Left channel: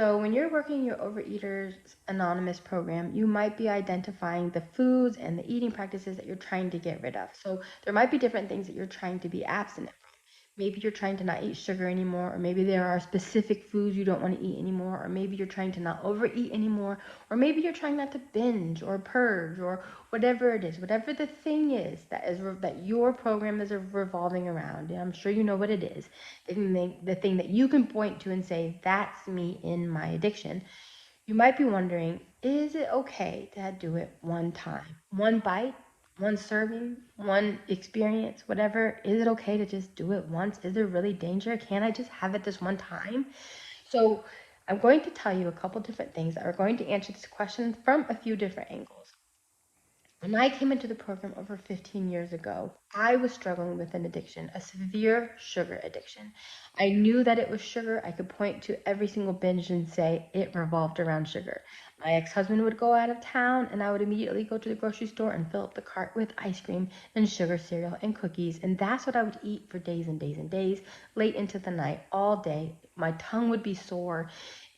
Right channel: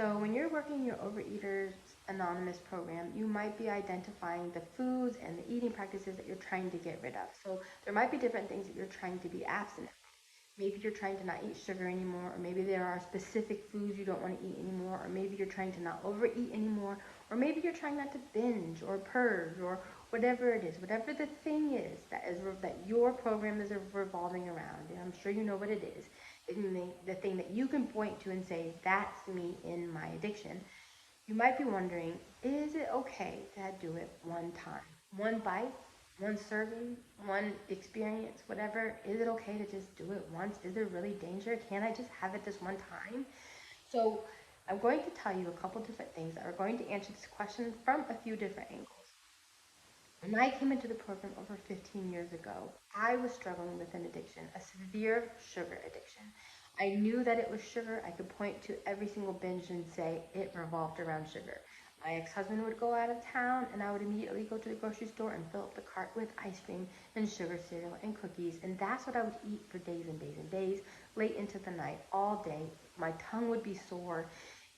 So when you're working your Overeaters Anonymous program, you might be identifying the foods and the eating practices that you're trying to get rid of. So there might be different things that you're trying to be abstinent from. Maybe you're trying to not eat sugar anymore, or maybe there are specific foods you don't want to eat anymore, or maybe you're trying to not overeat anymore, or maybe you're trying not to binge or purge, or whatever it is, whatever the thing is that your program is revolving around. And I'm sure you know what it is. The thing that you can point to and say, that's me in my addiction. You might be wondering, is it okay to do it one time? One bite, one serving, one experience, whatever. Is it okay to just do it once? Is there really danger? Can I just have it this one time? So I'm going to tell you a couple different things that are going to answer this question from a few different angles. When I came into the program over 15 years ago, I was struggling with an addiction, a severe sugar addiction. I knew that it was sugar. I could point to every single binge and say it revolved around sugar. My ex-husband would go out of town, and I would immediately go to the grocery store and fill up the cart with ice cream and sugar cereal and cookies, and that's what I would eat for days and days and days, late into the night, all day. My tongue would be sore,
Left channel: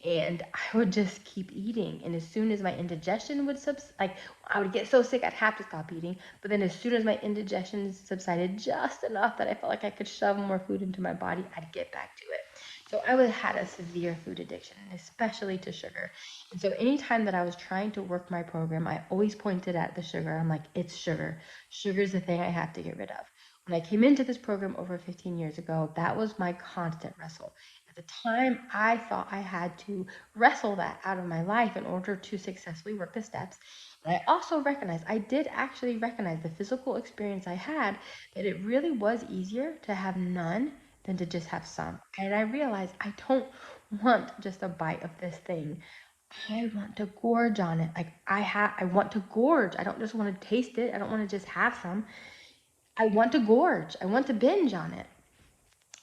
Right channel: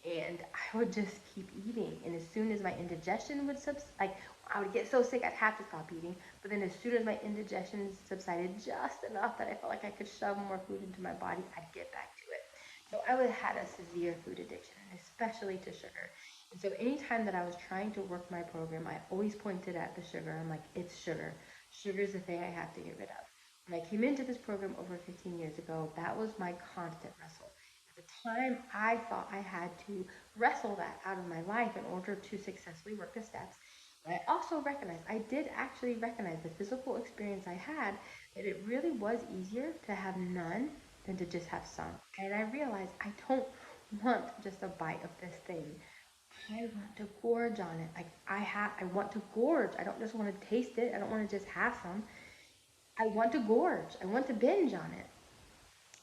and I would just keep eating. And as soon as my indigestion would I would get so sick I'd have to stop eating. But then as soon as my indigestion subsided just enough that I felt like I could shove more food into my body, I'd get back to it. So I had a severe food addiction, especially to sugar. And so anytime that I was trying to work my program, I always pointed at the sugar. I'm like, it's sugar. Sugar's the thing I have to get rid of. When I came into this program over 15 years ago, that was my constant wrestle. At the time, I thought I had to wrestle that out of my life in order to successfully work the steps. But I did actually recognize the physical experience I had, that it really was easier to have none than to just have some. And I realized I don't want just a bite of this thing. I want to gorge on it. I want to gorge. I don't just want to taste it. I don't want to just have some. I want to gorge. I want to binge on it.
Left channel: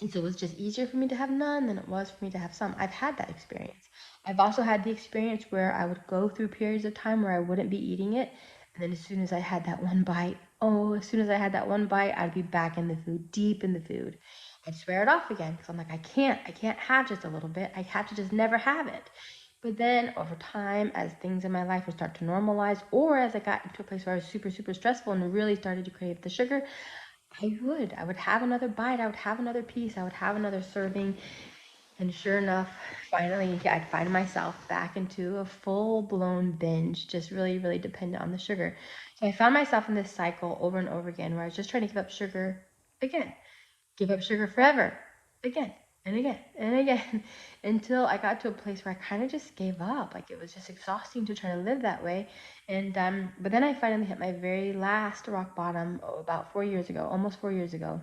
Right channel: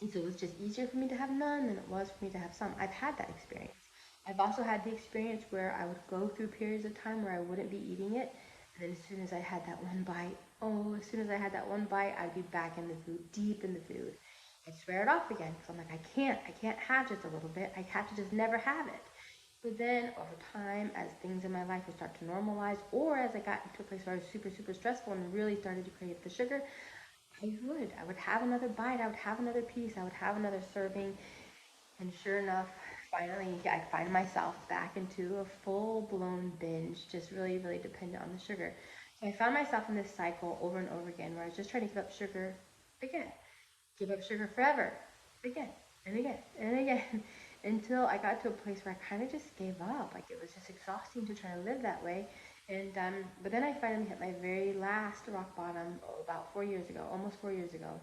And so it was just easier for me to have none than it was for me to have some. I've had that experience. I've also had the experience where I would go through periods of time where I wouldn't be eating it. And then as soon as I had that one bite, I'd be back in the food, deep in the food. I'd swear it off again because I'm like, I can't have just a little bit. I have to just never have it. But then over time, as things in my life would start to normalize, or as I got into a place where I was super, super stressful and really started to crave the sugar, I would have another bite, I would have another piece, I would have another serving, and sure enough, finally I'd find myself back into a full-blown binge, just really, really dependent on the sugar. So I found myself in this cycle over and over again where I was just trying to give up sugar again, give up sugar forever, again, and again, and again, until I got to a place where I kind of just gave up. Like, it was just exhausting to try to live that way. And but then I finally hit my very last rock bottom about 4 years ago, almost 4 years ago.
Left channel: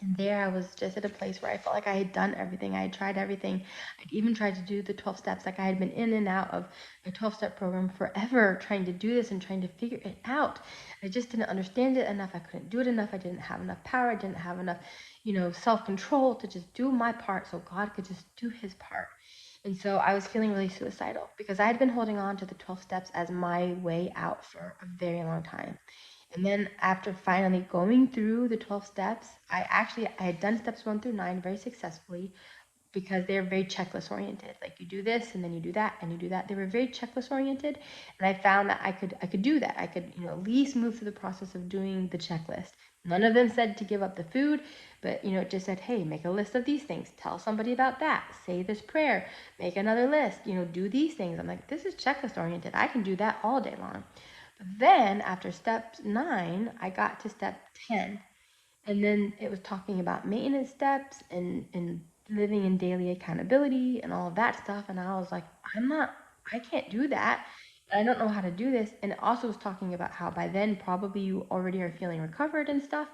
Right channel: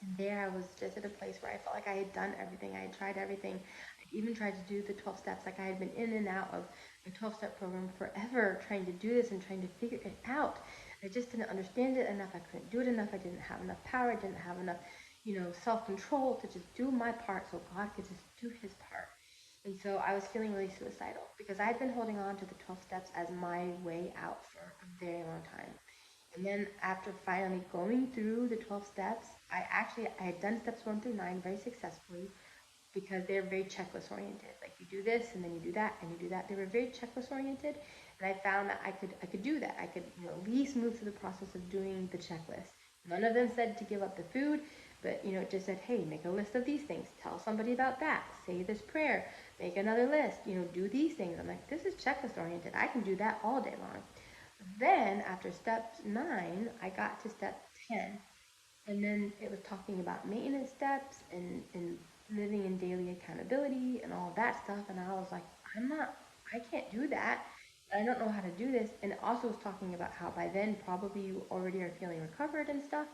And there I was just at a place where I felt like I had done everything. I had tried everything. I'd even tried to do the 12 steps. Like, I had been in and out of a 12-step program forever, trying to do this and trying to figure it out. I just didn't understand it enough. I couldn't do it enough. I didn't have enough power. I didn't have enough, self-control to just do my part so God could just do his part. And so I was feeling really suicidal because I had been holding on to the 12 steps as my way out for a very long time. And then after finally going through the 12 steps, I had done steps 1 through 9 very successfully because they're very checklist oriented. Like, you do this and then you do that and you do that. They were very checklist oriented, and I found that I could do that. I could, at least move through the process of doing the checklist. None of them said to give up the food, but it just said, hey, make a list of these things, tell somebody about that, say this prayer, make another list, do these things. I'm like, this is checklist oriented. I can do that all day long. Then after step 9, I got to step 10. And then it was talking about maintenance steps and living in daily accountability and all of that stuff. And I was like, I can't do that. I don't know how to do this. And it also was talking about how by then probably you already are feeling recovered and stuff.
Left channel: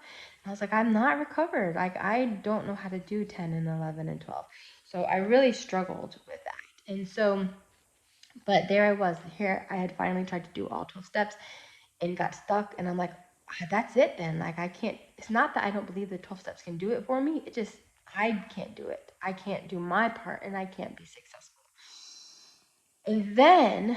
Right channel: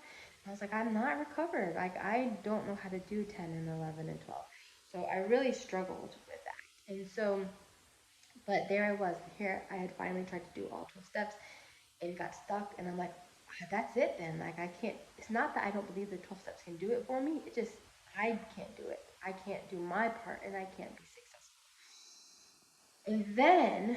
And I was like, I'm not recovered. Like, I don't know how to do 10 and 11 and 12. So I really struggled with that. And so, but there I was. Here I had finally tried to do all 12 steps and got stuck. And I'm like, that's it then. Like, I can't, it's not that I don't believe the 12 steps can do it for me. It just, I can't do it. I can't do my part, and I can't be successful. And then,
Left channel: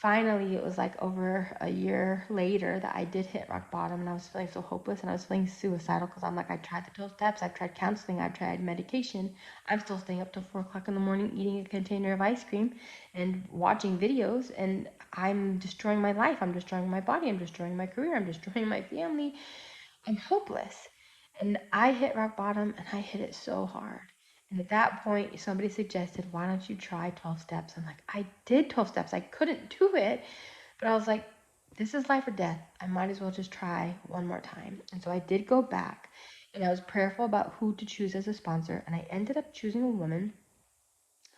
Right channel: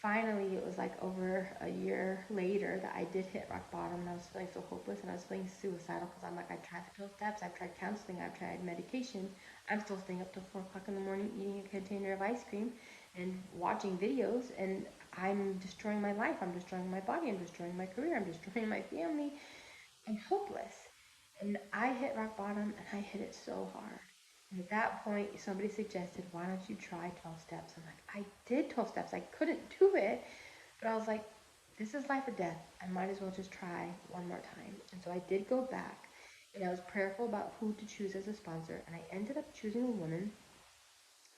finally, it was like over a year later that I did hit rock bottom, and I was feeling so hopeless, and I was feeling suicidal because I'm like, I tried the 12 steps, I've tried counseling, I've tried medication. I'm still staying up till 4 o'clock in the morning eating a container of ice cream and watching videos, and I'm destroying my life. I'm destroying my body. I'm destroying my career. I'm destroying my family. I'm hopeless. And I hit rock bottom, and I hit it so hard. And at that point, somebody suggested, why don't you try 12 steps? I'm like, I did 12 steps. I couldn't do it. But I was like, this is life or death. I might as well just try one more time. And so I did go back, and I was prayerful about who to choose as a sponsor. And I ended up choosing a woman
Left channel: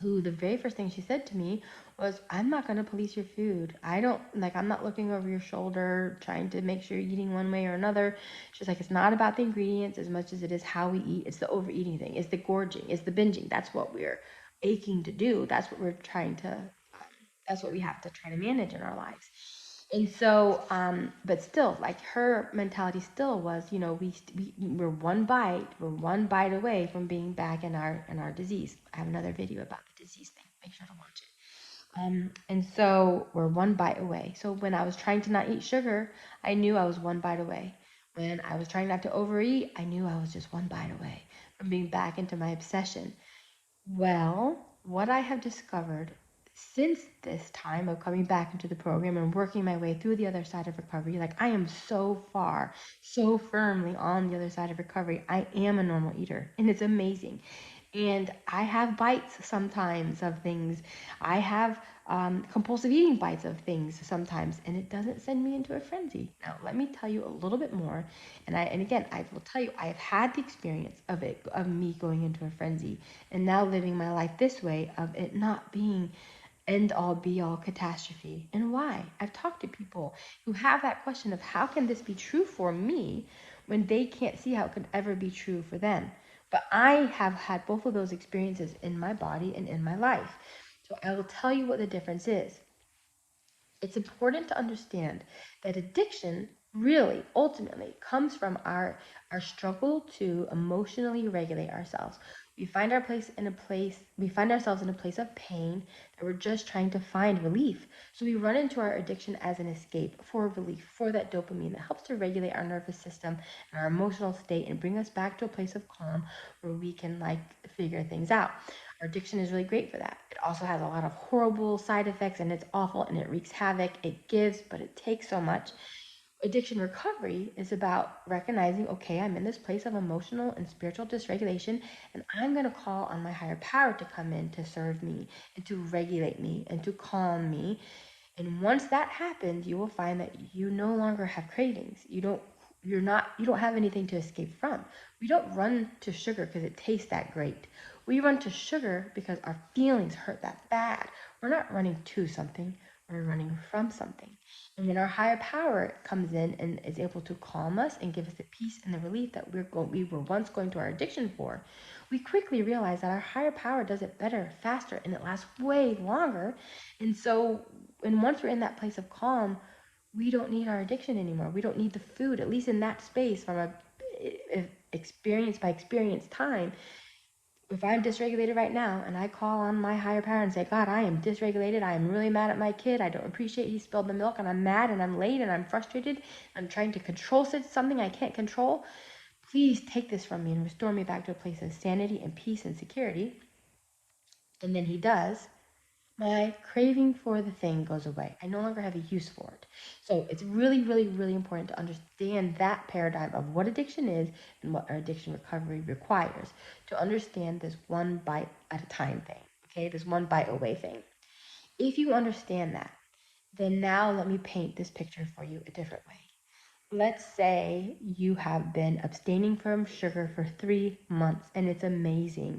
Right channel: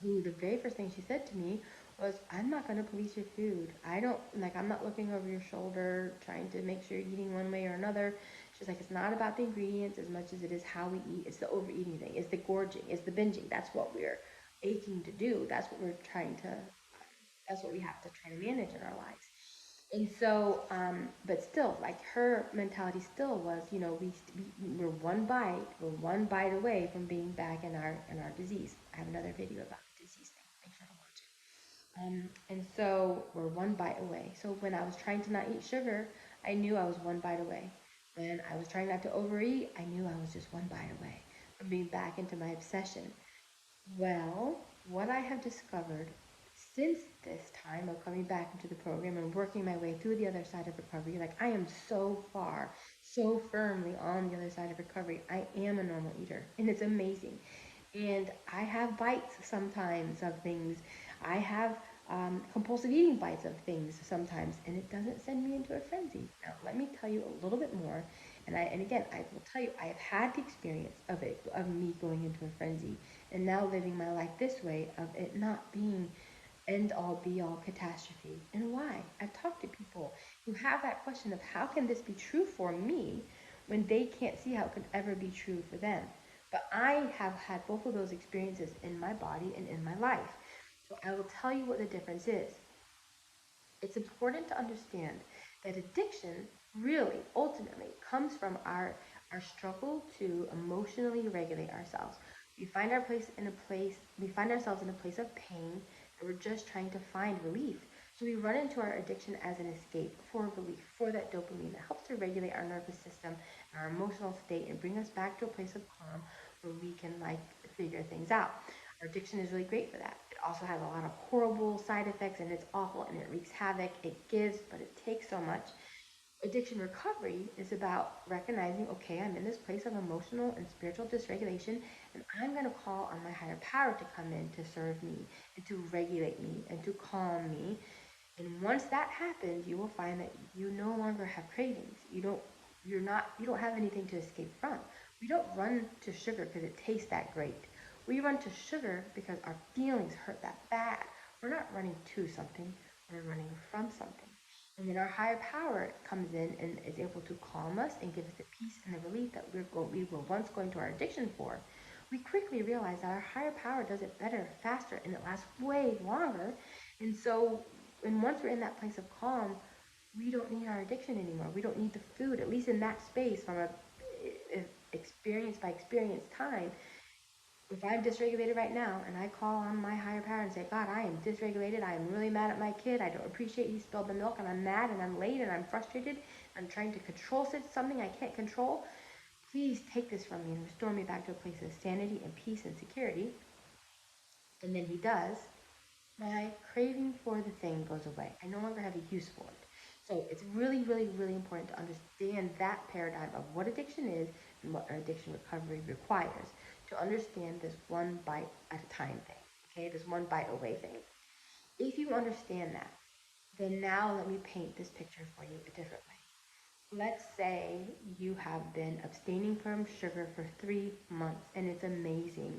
who the very first thing she said to me was, I'm not going to police your food. I'm not looking over your shoulder trying to make sure you're eating one way or another. She's like, it's not about the ingredients as much as it is how we eat. It's the overeating thing. It's the gorging. It's the binging. That's what we're aching to do. That's what we have to try to manage in our lives. And so, but still, like her mentality still was, we're one bite away from being back in our disease. I have another video about the disease thing. Make sure to watch it. And so we're one bite away. So when I was trying to not eat sugar, I knew I was one bite away. When I was trying not to overeat, I knew I was just one bite away from being back into my obsession. Well, what I have discovered since this time of coming back into the program and working my way through the other side of recovery, like I am so far, so firmly on the other side of recovery. I am a normal eater, and it's amazing. And I have bites sometimes of things. I have compulsive eating bites of things sometimes, and it doesn't send me into a frenzy. Now, let me tell you a little bit more. And again, I will tell you, I have had the experience of me going into a frenzy, and now living my life this way of it not being end all be all catastrophe. And why? I've talked to people who have that question of how can this be true for me when they can't see how it could ever be true for them. But I have had both of those experiences in my body and in my life. So I will tell you what the difference is. It's important to understand that addiction really ultimately comes from our struggle to emotionally regulate ourselves. We find ourselves in a place of pain, and we're just trying to find relief. So we run into our addiction as an escape for relief, for that dopamine that helps to regulate our nervous system and our emotional state and bring us back to a place of calm where we can figure things out. Our addiction is really great for that. It also has a lot of horrible side effects, and it's awful, and it wreaks havoc. It gives, but it takes so much. Addiction recovery is about recognizing, okay, I'm in this place of emotional and spiritual dysregulation, and I'm going to call on my higher power to come in to serve me and to regulate me and to calm me. And once that happens, you will find that you no longer have cravings. You don't have anything to escape from. We don't run to sugar because it tastes that great. We run to sugar because our feelings hurt that bad. We're not running to something, we're running from something. And then our higher power comes in and is able to calm us and give us the peace and the relief that we were once going to our addiction for. We quickly realize that our higher power does it better, faster, and it lasts way longer. And once we're in that place of calm, we don't need our addiction anymore. We don't need the food, at least in that space from a experience by experience time. If I'm dysregulated right now and I call on my higher power and say, God, I am dysregulated. I am really mad at my kid. I don't appreciate he spilled the milk, and I'm mad and I'm late and I'm frustrated. I'm trying to control something I can't control. Please take this from me and restore me back to a place of sanity and peace and security. And then he does. My craving for the thing goes away. I no longer have a use for it. So it's really, really, really important to understand that paradigm of what addiction is and what our addiction recovery requires to understand this one bite at a time thing, okay? This one bite away thing. If you understand that, then now let me paint this picture for you a different way. Let's say you have been abstaining from sugar for 3 months and it's amazing.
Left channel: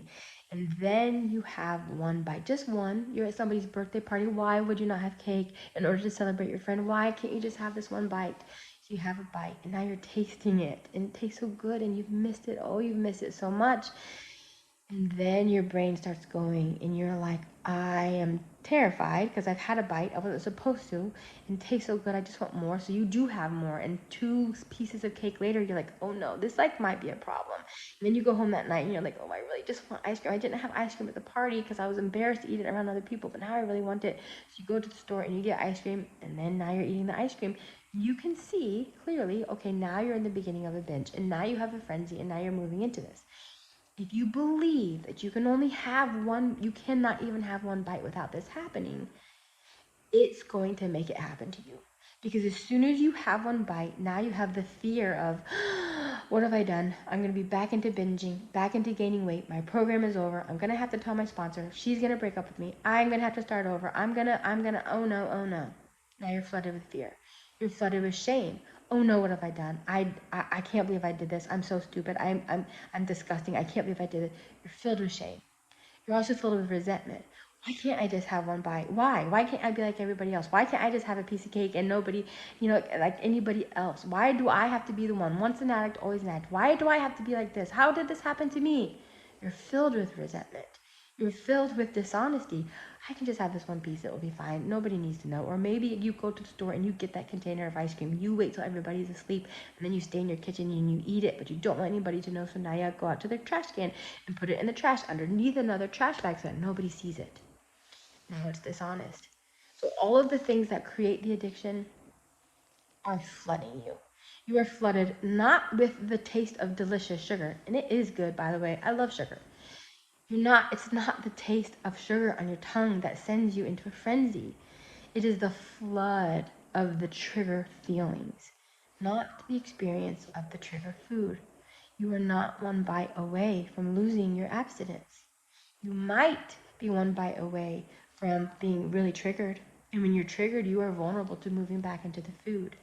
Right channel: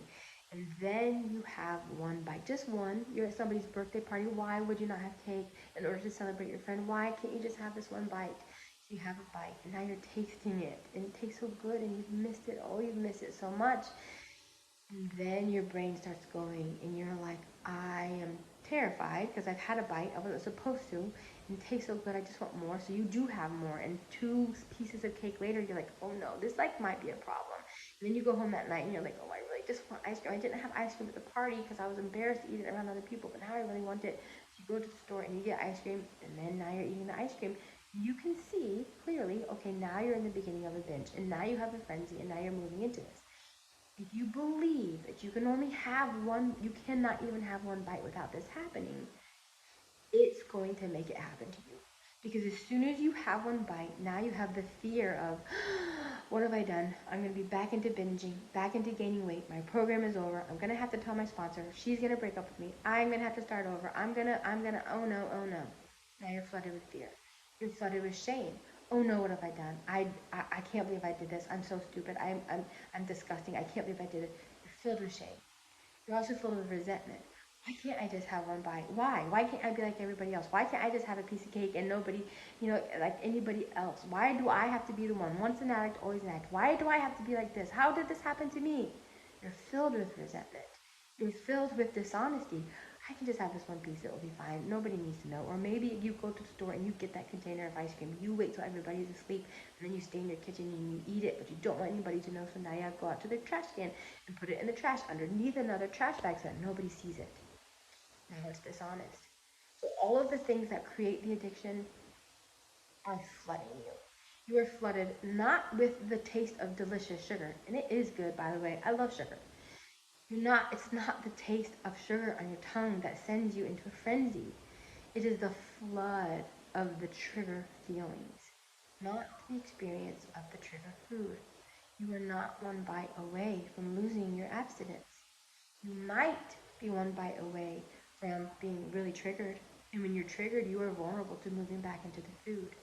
And then you have one bite, just one. You're at somebody's birthday party. Why would you not have cake in order to celebrate your friend? Why can't you just have this one bite? So you have a bite, and now you're tasting it, and it tastes so good, and you've missed it. Oh, you've missed it so much. And then your brain starts going, and you're like, I am terrified because I've had a bite. I wasn't supposed to, and it tastes so good. I just want more. So you do have more, and 2 pieces of cake later, you're like, oh no, this like might be a problem. And then you go home that night, and you're like, oh, I really just want ice cream. I didn't have ice cream at the party because I was embarrassed to eat it around other people, but now I really want it. So you go to the store and you get ice cream, and then now you're eating the ice cream. You can see clearly, okay, now you're in the beginning of a binge, and now you have a frenzy, and now you're moving into this. If you believe that you can only have one, you cannot even have one bite without this happening, it's going to make it happen to you. Because as soon as you have one bite, now you have the fear of, what have I done? I'm going to be back into binging, back into gaining weight. My program is over. I'm going to have to tell my sponsor. She's going to break up with me. I'm going to have to start over. Oh no, oh no. Now you're flooded with fear. You're flooded with shame. Oh no, what have I done? I can't believe I did this. I'm so stupid. I'm disgusting. I can't believe I did it. You're filled with shame. You're also filled with resentment. Why can't I just have one bite? Why? Why can't I be like everybody else? Why can't I just have a piece of cake and nobody, like anybody else? Why do I have to be the one? Once an addict, always an addict. Why do I have to be like this? How did this happen to me? You're filled with resentment. You're filled with dishonesty. I can just have this one piece. It will be fine. Nobody needs to know. Or maybe you go to the store and you get that container of ice cream. You wait till everybody's asleep, and then you stay in your kitchen and you eat it, but you don't want anybody to know. So now you go out to the trash can and put it in the trash underneath another trash bag so that nobody sees it. Now it's dishonest. So all of the things that create the addiction are flooding you. You are flooded not with the taste of delicious sugar, and it is good, by the way. I love sugar. It's not the taste of sugar on your tongue that sends you into a frenzy. It is the flood of the trigger feelings, not the experience of the trigger food. You are not one bite away from losing your abstinence. You might be one bite away from being really triggered. And when you're triggered, you are vulnerable to moving back into the food.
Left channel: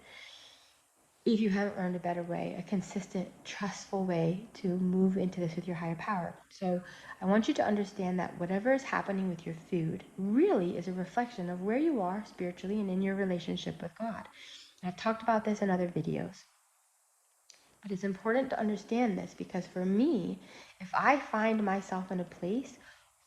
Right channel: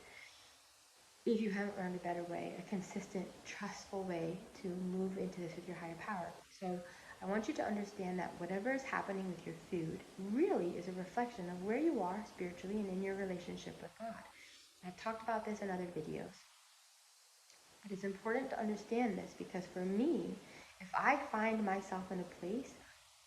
If you haven't learned a better way, a consistent, trustful way to move into this with your higher power. So I want you to understand that whatever is happening with your food really is a reflection of where you are spiritually and in your relationship with God. I've talked about this in other videos. But it's important to understand this because for me, if I find myself in a place,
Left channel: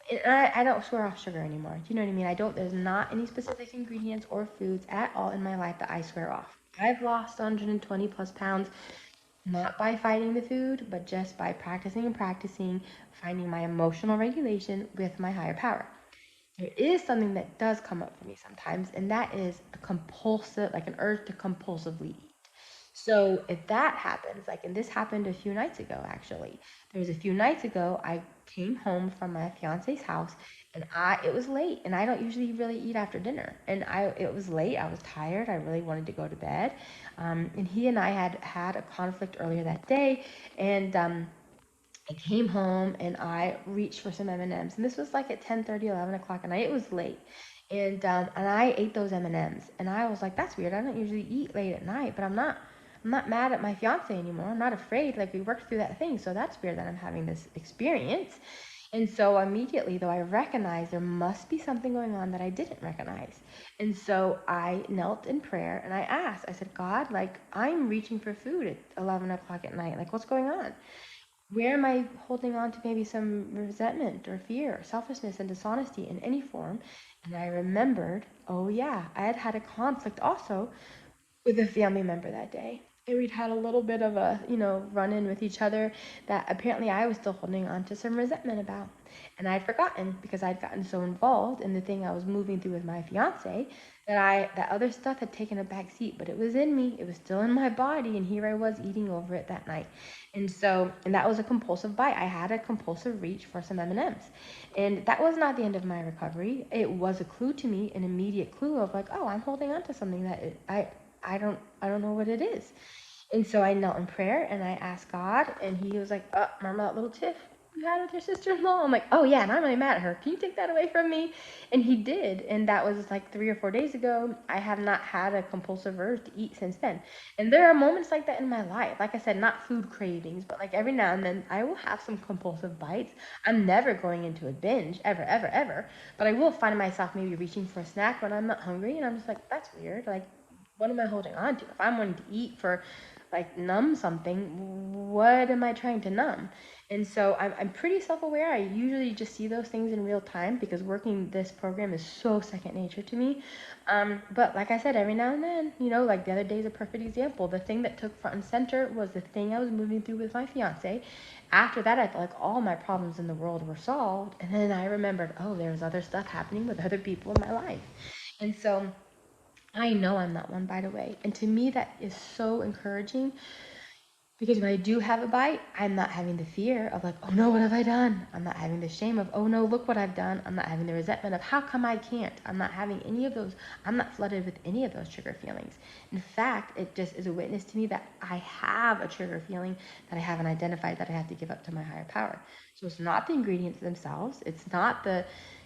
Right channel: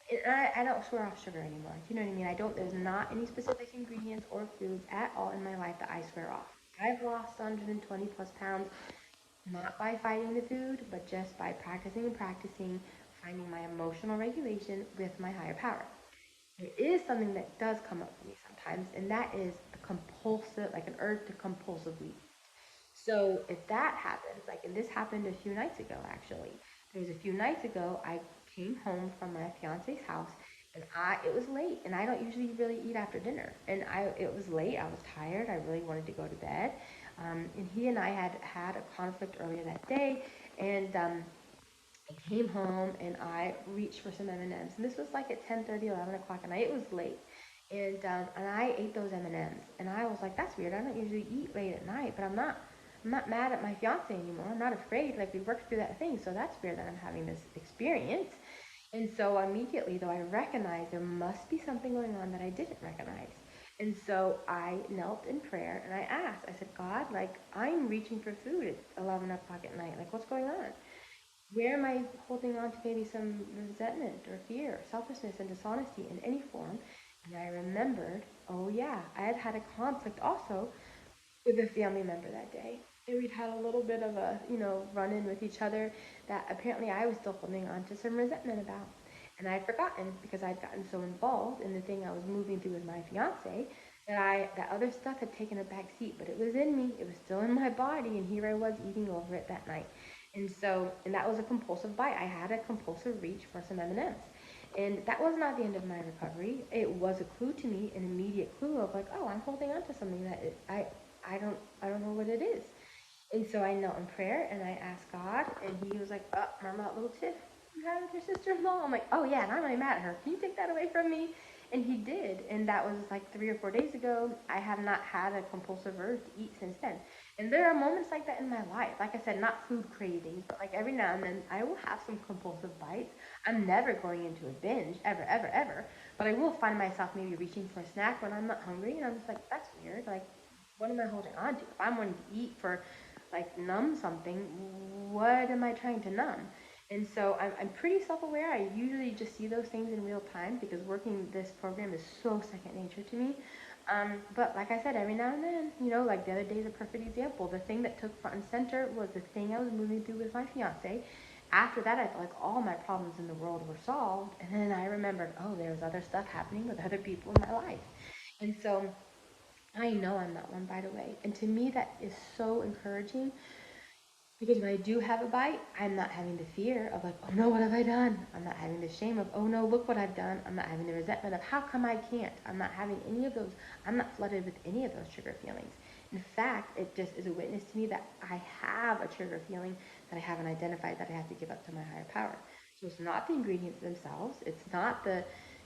and I don't swear off sugar anymore. Do you know what I mean? There's not any specific ingredients or foods at all in my life that I swear off. I've lost 120 plus pounds, not by fighting the food, but just by practicing and practicing, finding my emotional regulation with my higher power. There is something that does come up for me sometimes, and that is a compulsive, like an urge to compulsively. So if that happens, like, and this happened a few nights ago, actually. There was a few nights ago, I came home from my fiance's house, and it was late, and I don't usually really eat after dinner. And it was late, I was tired, I really wanted to go to bed. And he and I had a conflict earlier that day, and I came home and I reached for some M&Ms, and this was like at 10:30, 11 o'clock at night. It was late, and I ate those M&Ms, and I was like, that's weird. I don't usually eat late at night, but I'm not mad at my fiance anymore. I'm not afraid. Like, we worked through that thing, so that's weird that I'm having this experience. And so immediately, though, I recognized there must be something going on that I didn't recognize. And so I knelt in prayer and I asked, I said, God, like, I'm reaching for food at 11 o'clock at night. Like, what's going on? Where am I holding on to maybe some resentment or fear or selfishness and dishonesty in any form? And I remembered, oh yeah, I had had a conflict also with a family member that day. And we'd had a little bit of a, run in with each other that apparently I was still holding on to some resentment about. And I'd forgotten because I'd gotten so involved in the thing I was moving through with my fiance that other stuff had taken a back seat, but it was in me, it was still in my body, and here I was eating over it that night. And that was a compulsive bite. I had a compulsive reach for some M&Ms. And that was not the end of my recovery. It was a clue to me, an immediate clue of like, oh, I'm holding on to something that I don't know what it is. And so I knelt in prayer and I asked God, and he was like, oh, remember that little tiff you had with your sister-in-law? I'm like, oh yeah, and I'm really mad at her. Can you take that away from me? And he did, and that was like 3 or 4 days ago. I have not had a compulsive urge to eat since then. And there are moments like that in my life. Like I said, not food cravings, but like every now and then I will have some compulsive bites. I'm never going into a binge, ever, ever, ever. But I will find myself maybe reaching for a snack when I'm not hungry, and I'm just like, that's weird. Like, what am I holding on to? If I'm wanting to eat for, like, numb something, what am I trying to numb? And so I'm pretty self-aware. I usually just see those things in real time because working this program is so second nature to me. But like I said, every now and then, like the other day is a perfect example. The thing that took front and center was the thing I was moving through with my fiance. After that, I felt like all my problems in the world were solved. And then I remembered, oh, there's other stuff happening with other people in my life. And so I know I'm not one bite away. And to me, that is so encouraging because when I do have a bite, I'm not having the fear of like, oh no, what have I done? I'm not having the shame of, oh no, look what I've done. I'm not having the resentment of, how come I can't? I'm not having any of those. I'm not flooded with any of those trigger feelings. In fact, it just is a witness to me that I have a trigger feeling that I haven't identified that I have to give up to my higher power. So it's not the ingredients themselves. It's not the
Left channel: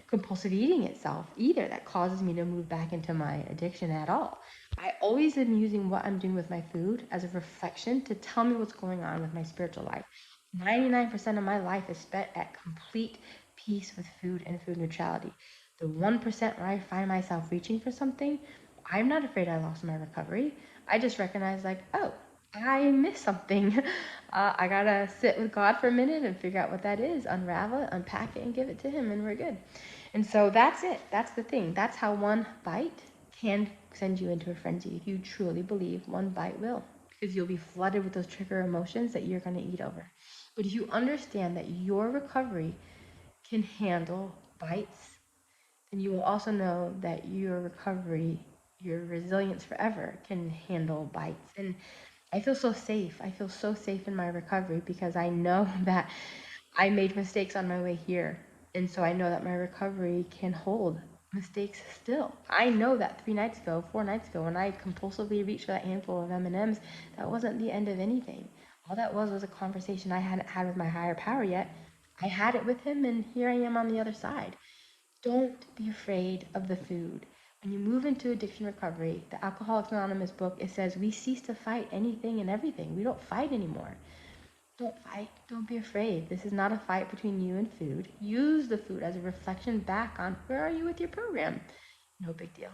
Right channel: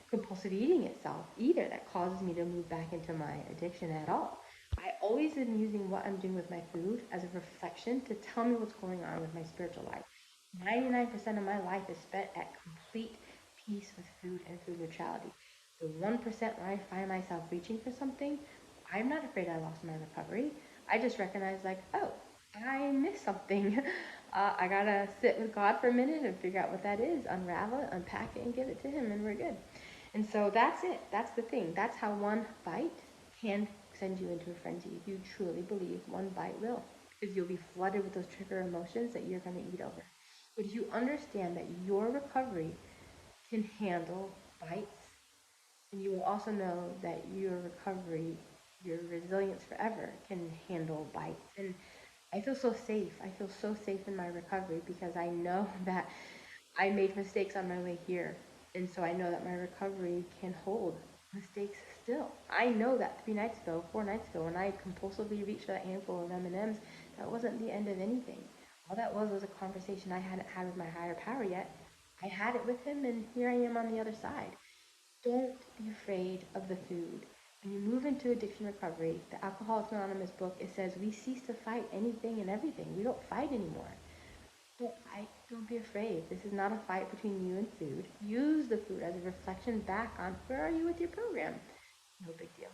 compulsive eating itself either that causes me to move back into my addiction at all. I always am using what I'm doing with my food as a reflection to tell me what's going on with my spiritual life. 99% of my life is spent at complete peace with food and food neutrality. The 1% where I find myself reaching for something, I'm not afraid I lost my recovery. I just recognize, like, oh, I missed something. I gotta sit with God for a minute and figure out what that is, unravel it, unpack it, and give it to Him, and we're good. And so that's it. That's the thing. That's how one bite can send you into a frenzy if you truly believe one bite will. Because you'll be flooded with those trigger emotions that you're going to eat over. But if you understand that your recovery can handle bites, then you will also know that your recovery, your resilience forever can handle bites. And I feel so safe. I feel so safe in my recovery because I know that I made mistakes on my way here. And so I know that my recovery can hold mistakes still. I know that 3 nights ago, 4 nights ago, when I compulsively reached for that handful of M&Ms, that wasn't the end of anything. All that was a conversation I hadn't had with my higher power yet. I had it with him, and here I am on the other side. Don't be afraid of the food. When you move into addiction recovery, the Alcoholics Anonymous book, it says we cease to fight anything and everything. We don't fight anymore. Don't fight. Don't be afraid. This is not a fight between you and food. Use the food as a reflection back on where are you with your program. No big deal.